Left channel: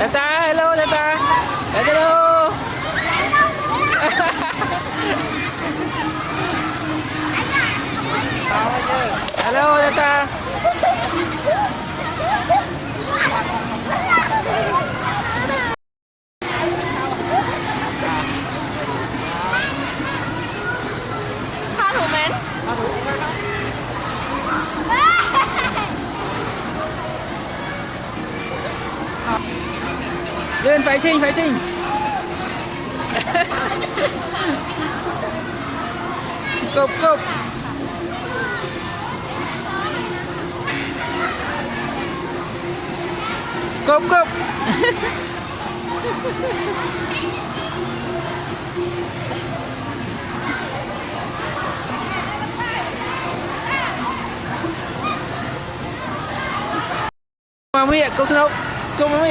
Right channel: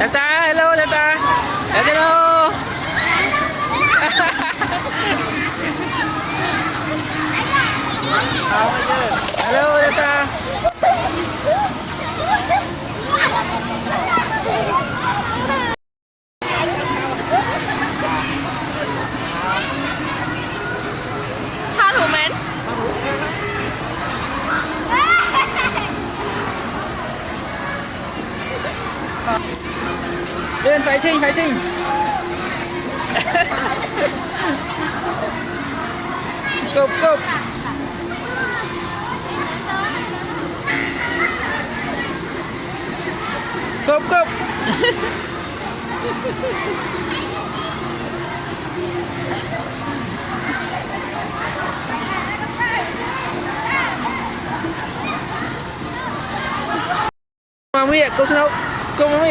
Tata, hello Tata. Hello. Hello Tata. Tha thủ mến. Lên phải Trinh, phải Trinh. Cộp, cộp. Cộp, cộp. Mami, câu xin đâu? Câu mami.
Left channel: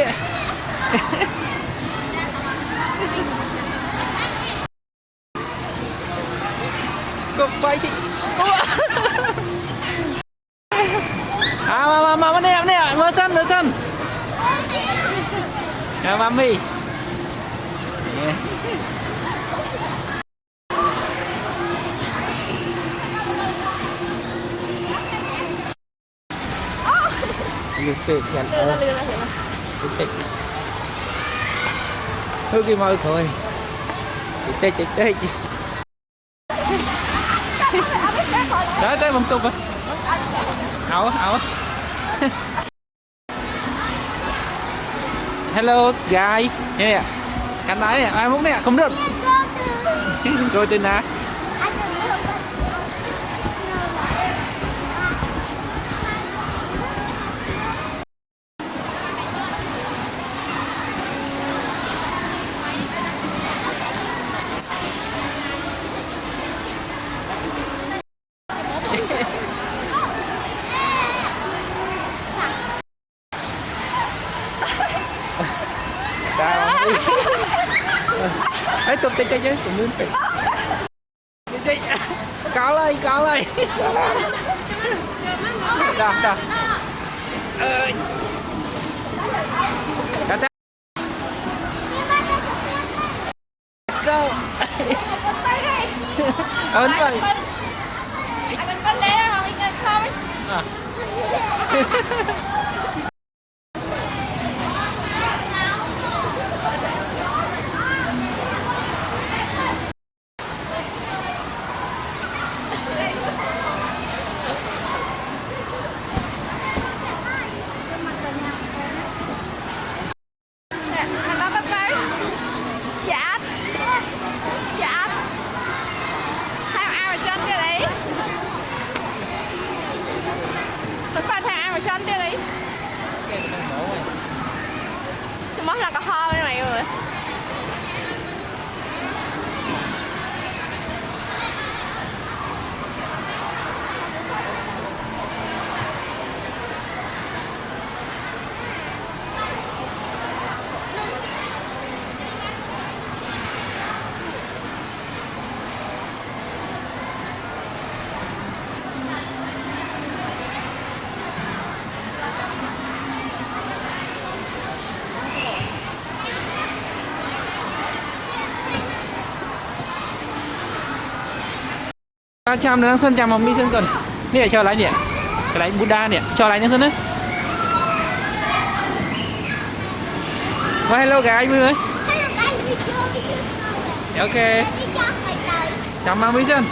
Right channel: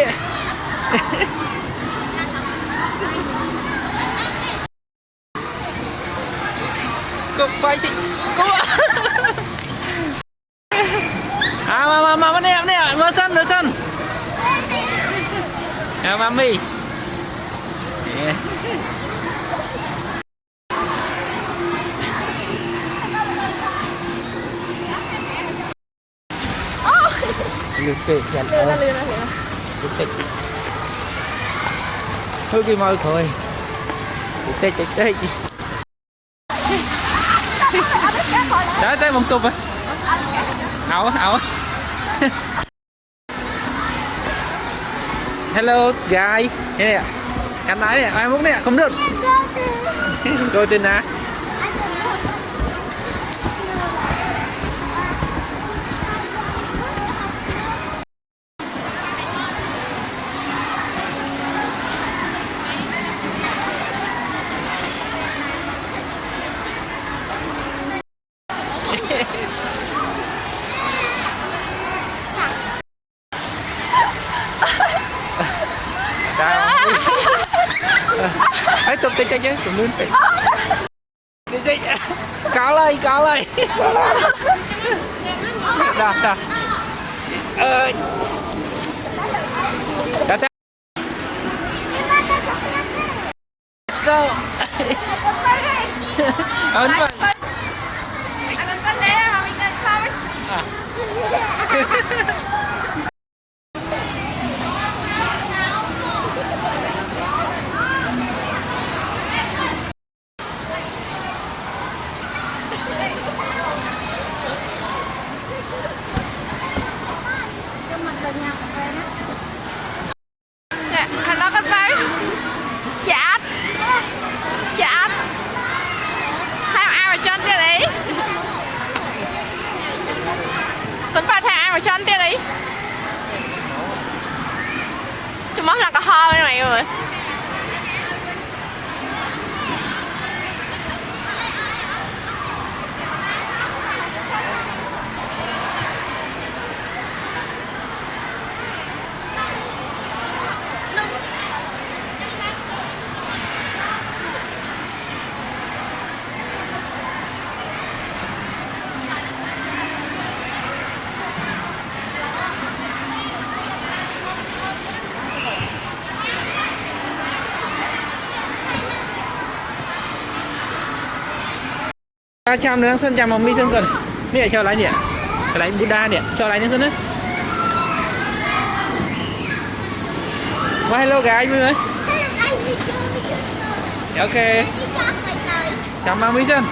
Cục vai chị. Cô ạ. Mà nè, mơ sân. À, mami. Lừa là. Thôi cái môi thôi. Tê. Đó tới bông tụp à. Ảo. Hello guys. Nè. Cánh nói nè, ai muốn nè, không được. Cô tên à? Hãy tụm tay chứ, tụm lên phải. Đi. Có lại. Đó. Đó. Let's go. Ấn vậy. Anh bắt lấy không? Anh không. Anh nói bắt váy. Chát. Tham ai mà chân kia đấy. Tuấn vào tham ai mà chân kia đấy. Chúng móc là có ho bên mày rồi. Chăm nữa sân chăm mong đi sân cần. Nè cho lại nè. Cái đánh Buddha nè, cho lại lên sân đấy. Hello guys vui ơi. Ok. Chào mong đi sân.